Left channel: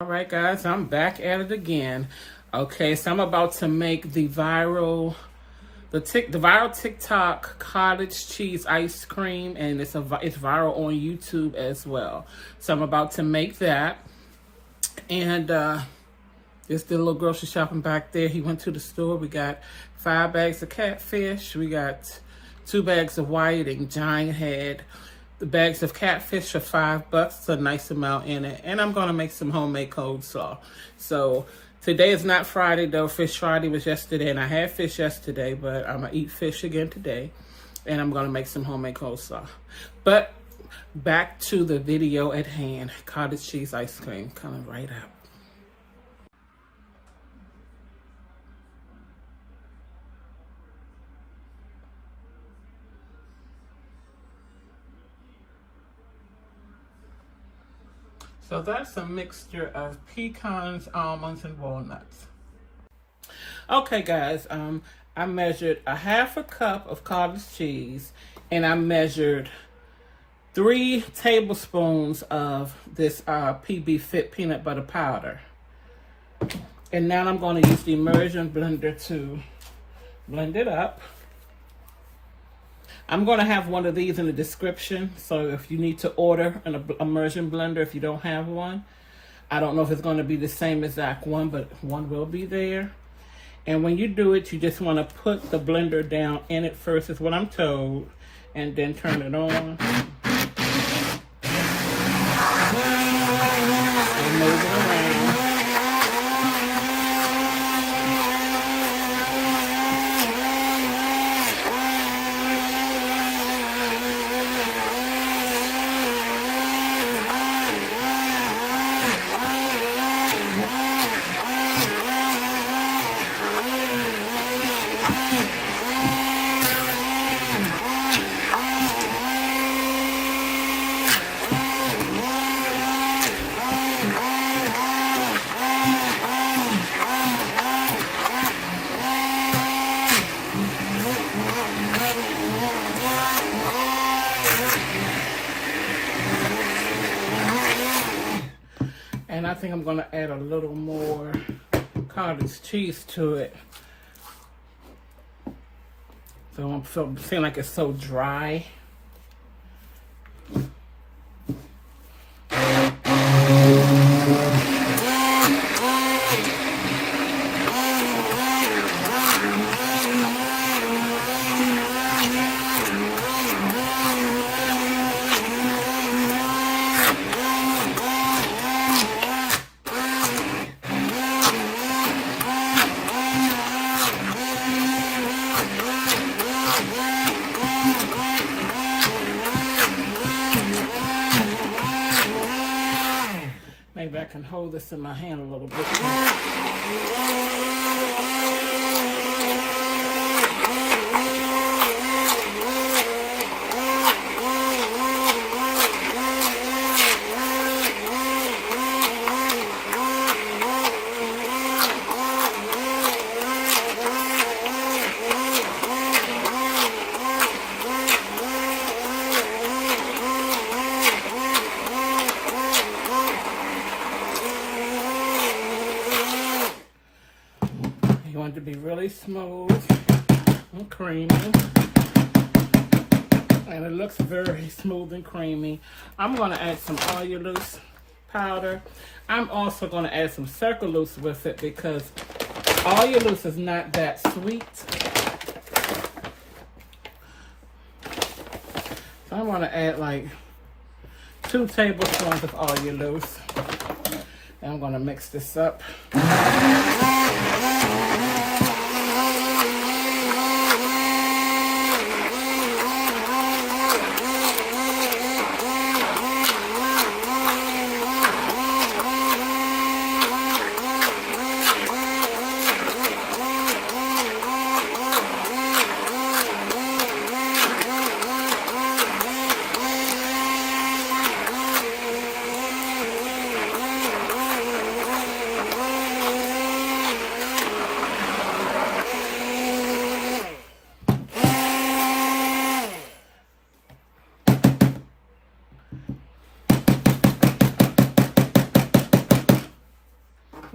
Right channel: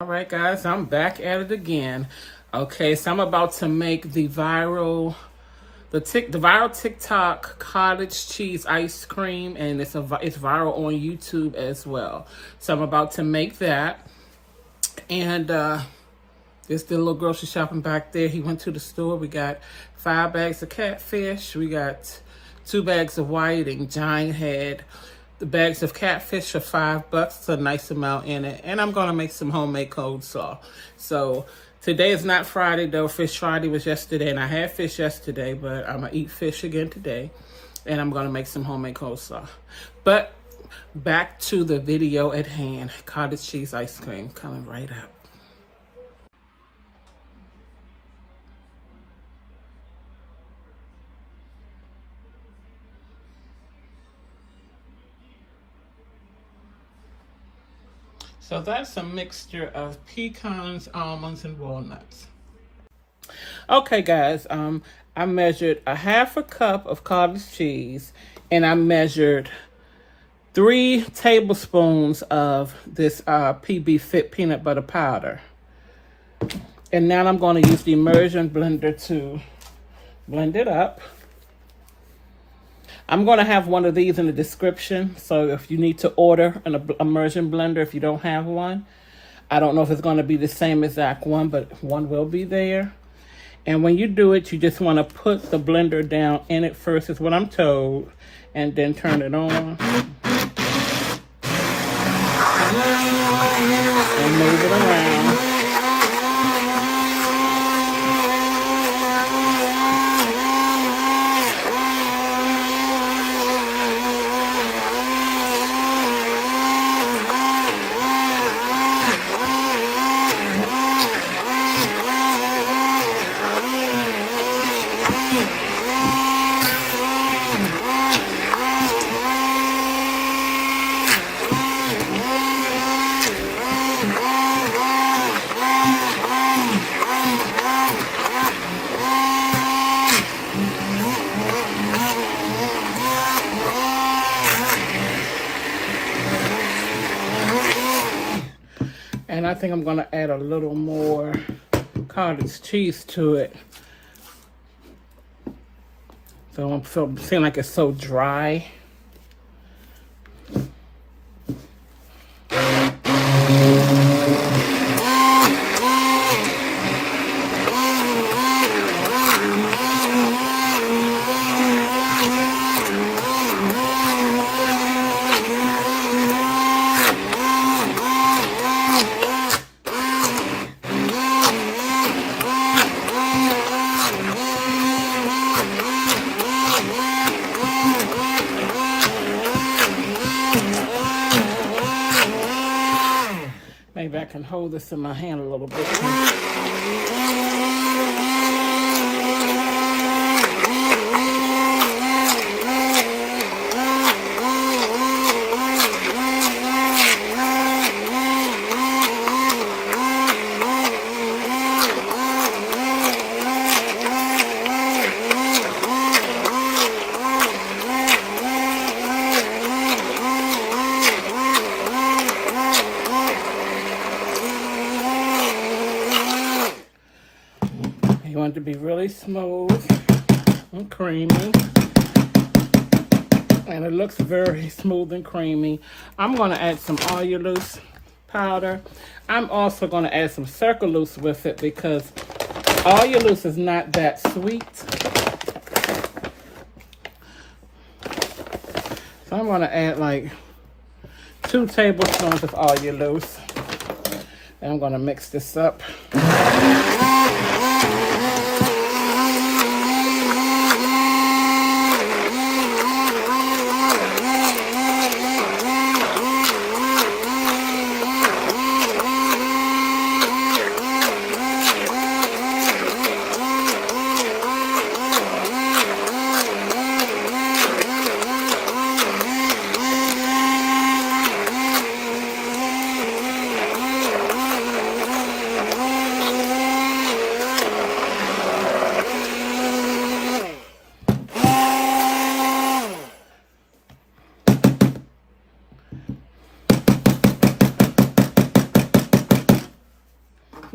All right, guys, I'm back at it again. Okay, so I'm about to make the viral TikTok cottage cheese ice cream, and it's viral on YouTube as well. So I'm about to make that, and this the little grocery shopping back there. He went to the store. We got 5 bags of catfish. We got 2 bags of whiting, giant head. The bags of catfish are $5. It's a nice amount in it. And I'm gonna make some homemade coleslaw. So today is not Friday though. Fish Friday was yesterday, and I had fish yesterday, but I'm gonna eat fish again today. And I'm gonna make some homemade coleslaw. But back to the video at hand. Cottage cheese ice cream coming right up. So that's a mixture of pecans, almonds, and walnuts. Okay, guys, I measured a 1/2 cup of cottage cheese, and I measured 3 tablespoons of this PBfit peanut butter powder. And now I'm going to use the Emerson blender to blend it up. I'm going to have one of these in the description, so if you need to order an Emerson blender if you don't have one. I don't know if it's going to be the same exact one, but one will be there. And when you do it, you just want to put the blender down in it first, is what I'm told, and then turn it on. And move it around. And I think I'm going to add a little more cottage cheese to it. So I'm feeling like it's so dry. Maybe I can hold this in my hand a little bit. You want it to be really smooth and creamy. And it looks very smooth and creamy. I'm going to add some Allulose powder. I'm also going to add some Sucralose with it because Allulose is not that sweet. So I'm going to add like 2 tablespoons of Allulose. And I'm going to mix this up.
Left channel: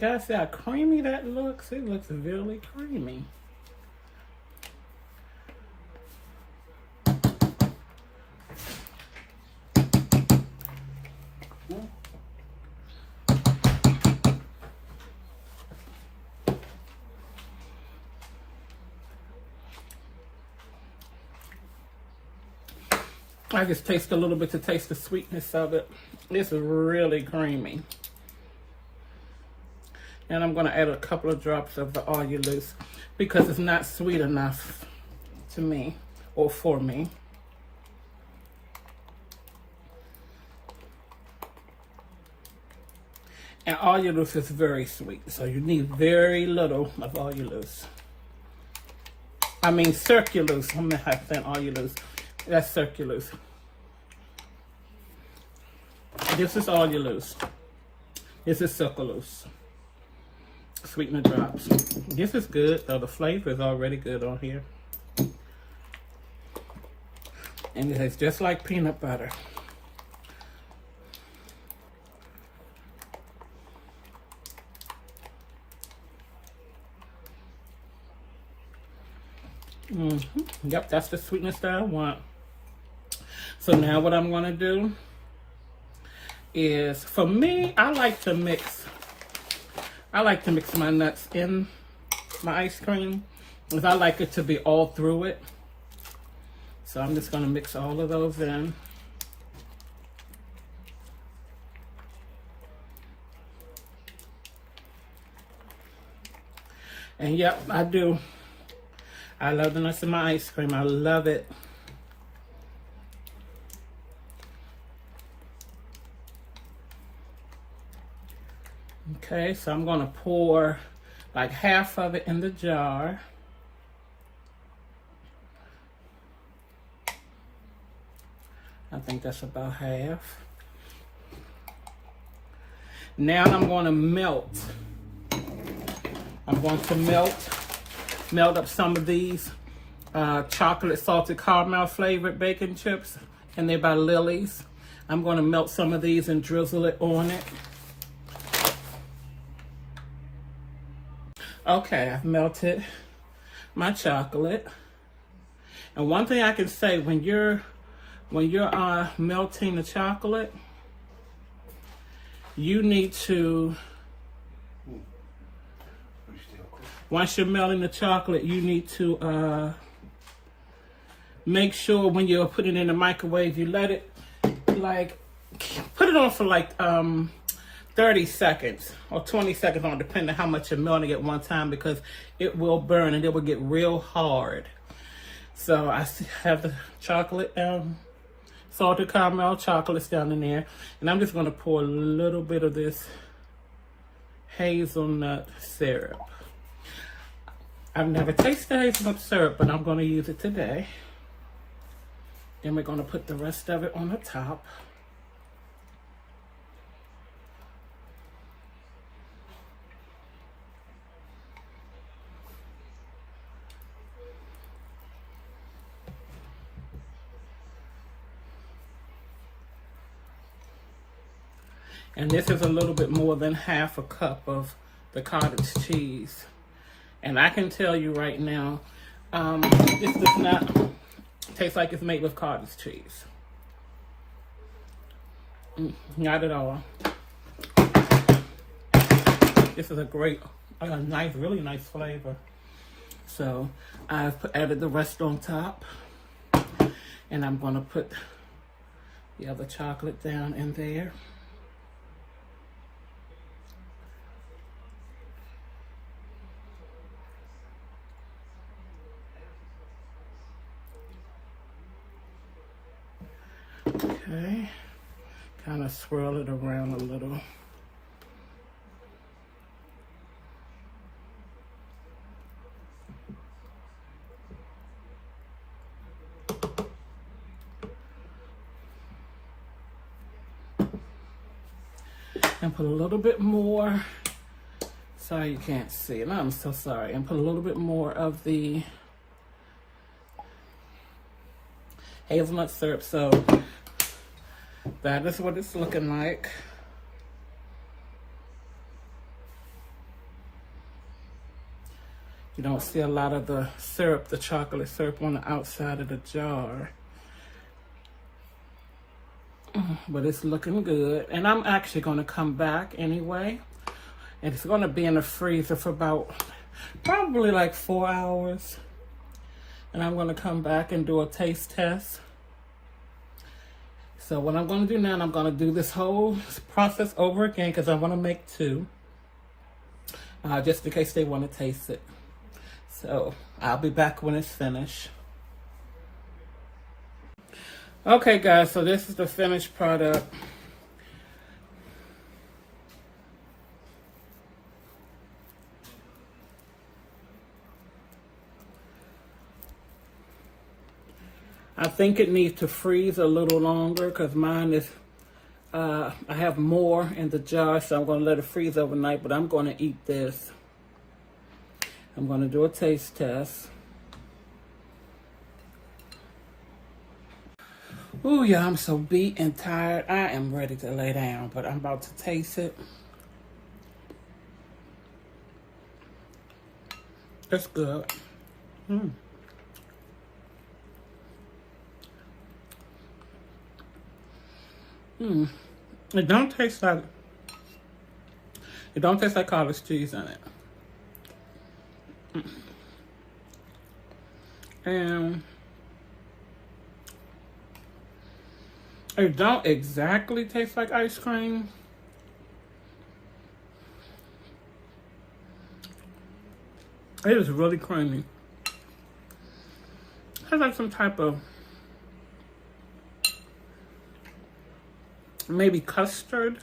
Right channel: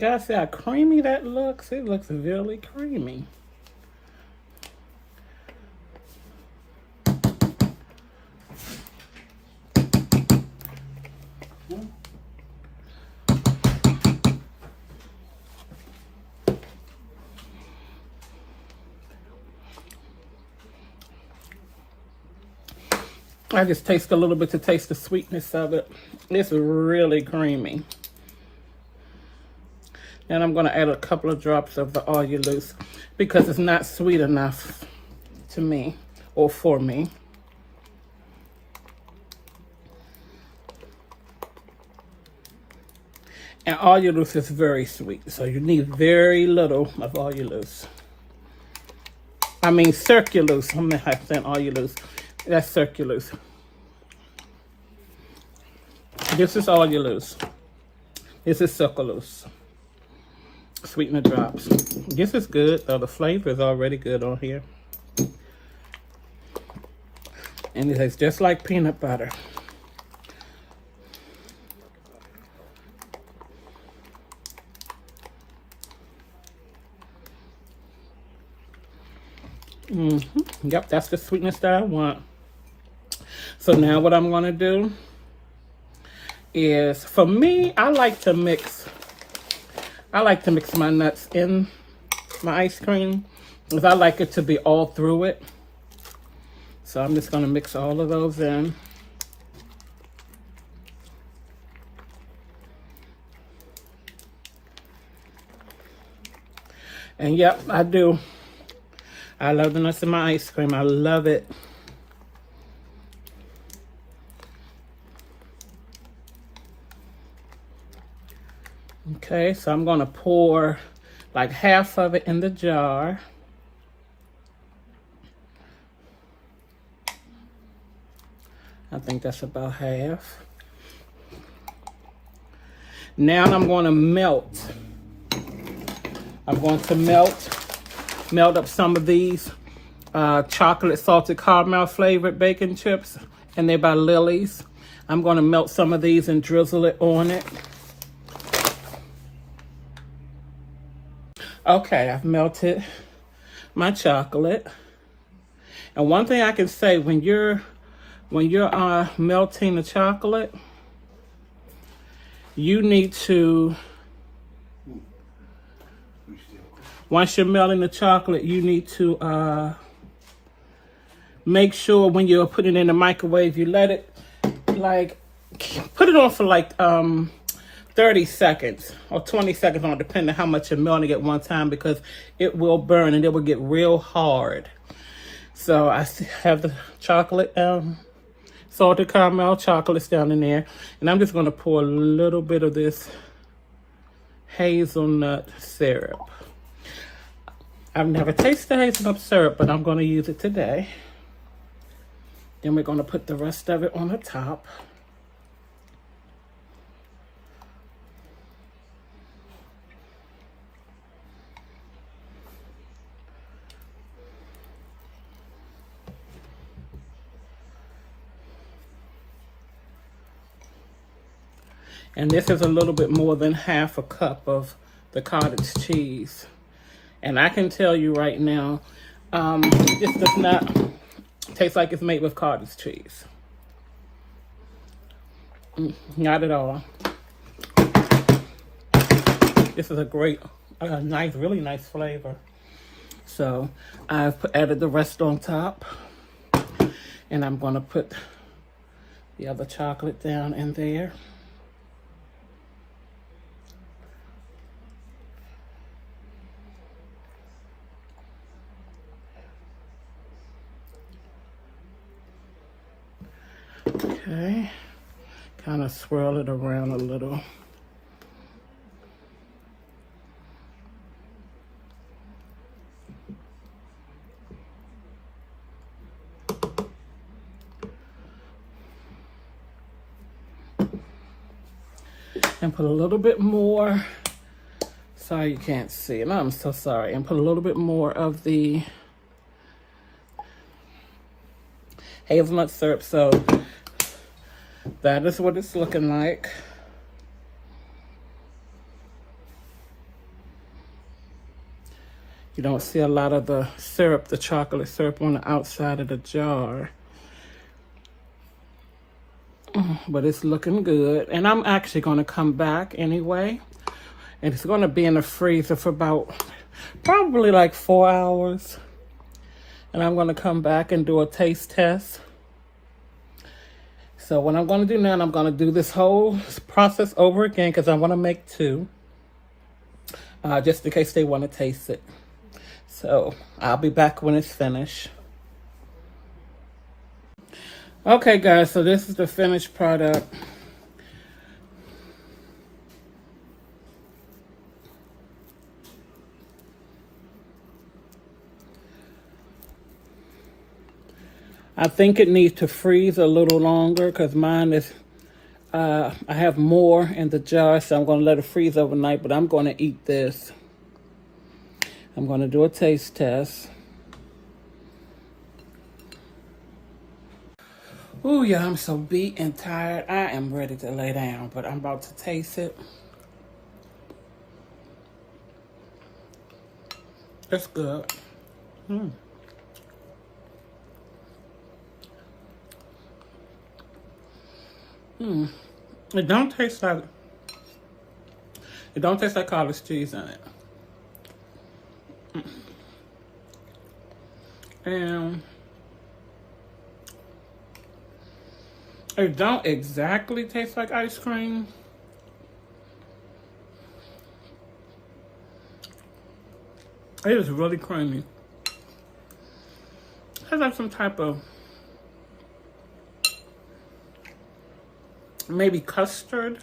Guys, see how creamy that looks? It looks really creamy. I just taste a little bit to taste the sweetness of it. It's really creamy. And I'm going to add a couple of drops of the Allulose because it's not sweet enough to me or for me. And Allulose is very sweet, so you need very little of Allulose. I mean Sucralose. I'm not saying Allulose. That's Sucralose. This is Allulose. This is Sucralose. Sweetener drops. This is good, though. The flavor is already good on here. And it tastes just like peanut butter. Yep, that's the sweetness that I want. So now what I'm going to do is, for me, I like to mix my nuts in my ice cream because I like it to be all through it. So I'm just going to mix all of those in. And yep, I do. I love the nuts in my ice cream. I love it. Okay, so I'm going to pour like half of it in the jar. I think that's about half. Now I'm going to melt. I'm going to melt up some of these chocolate salted caramel flavored bacon chips, and they're by Lily's. I'm going to melt some of these and drizzle it on it. Okay, I've melted my chocolate. And one thing I can say, when you're melting the chocolate, you need to, once you're melting the chocolate, you need to make sure when you're putting it in the microwave, you let it, like, put it on for like 30 seconds or 20 seconds on, depending on how much you're melting at one time, because it will burn and it will get real hard. So I have the chocolate, salted caramel chocolates down in there, and I'm just going to pour a little bit of this hazelnut syrup. I've never tasted hazelnut syrup, but I'm going to use it today. Then we're going to put the rest of it on the top. And this is a little bit more than half a cup of the cottage cheese. And I can tell you right now, this does not taste like it's made with cottage cheese. Not at all. This is a great, nice, really nice flavor. So I've added the rest on top. And I'm going to put the other chocolate down in there. Okay, kind of swirl it around a little. And put a little bit more, sorry you can't see it, I'm so sorry, and put a little bit more of the hazelnut syrup. So that is what it's looking like. You don't see a lot of the syrup, the chocolate syrup on the outside of the jar. But it's looking good. And I'm actually going to come back anyway. And it's going to be in the freezer for about probably like 4 hours. And I'm going to come back and do a taste test. So what I'm going to do now, I'm going to do this whole process over again because I want to make 2. Just in case they want to taste it. So I'll be back when it's finished. Okay guys, so this is the finished product. I think it needs to freeze a little longer because mine is, I have more in the jar, so I'm going to let it freeze overnight, but I'm going to eat this. I'm going to do a taste test. Ooh, yeah, I'm so beat and tired. I am ready to lay down, but I'm about to taste it. It's good. It don't taste like cottage cheese in it. And it don't exactly taste like ice cream. It is really creamy. It has like some type of maybe custard.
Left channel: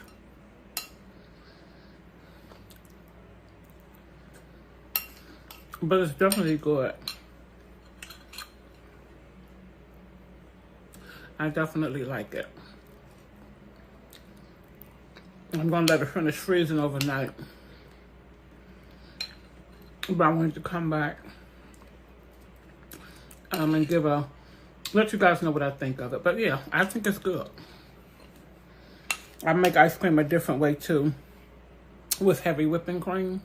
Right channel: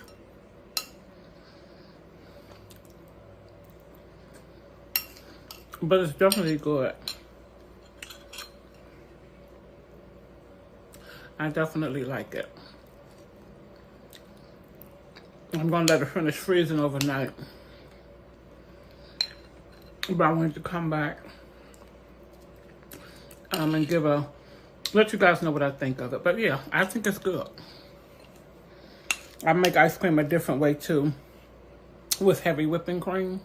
But it's definitely good. I definitely like it. I'm gonna let it finish freezing overnight. But I wanted to come back and let you guys know what I think of it. But yeah, I think it's good. I make ice cream a different way too, with heavy whipping cream.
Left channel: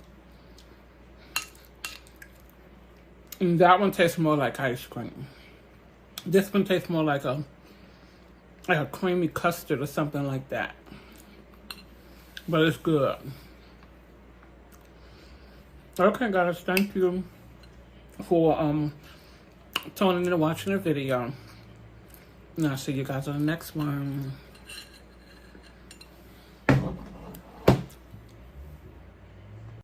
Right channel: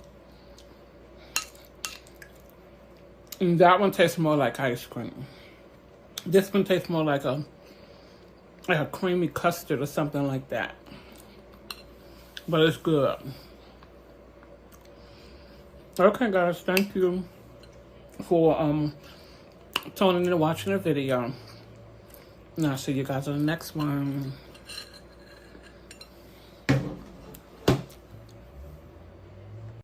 And that one tastes more like ice cream. This one tastes more like a creamy custard or something like that. But it's good. Okay guys, thank you for tuning in and watching the video. And I'll see you guys on the next one.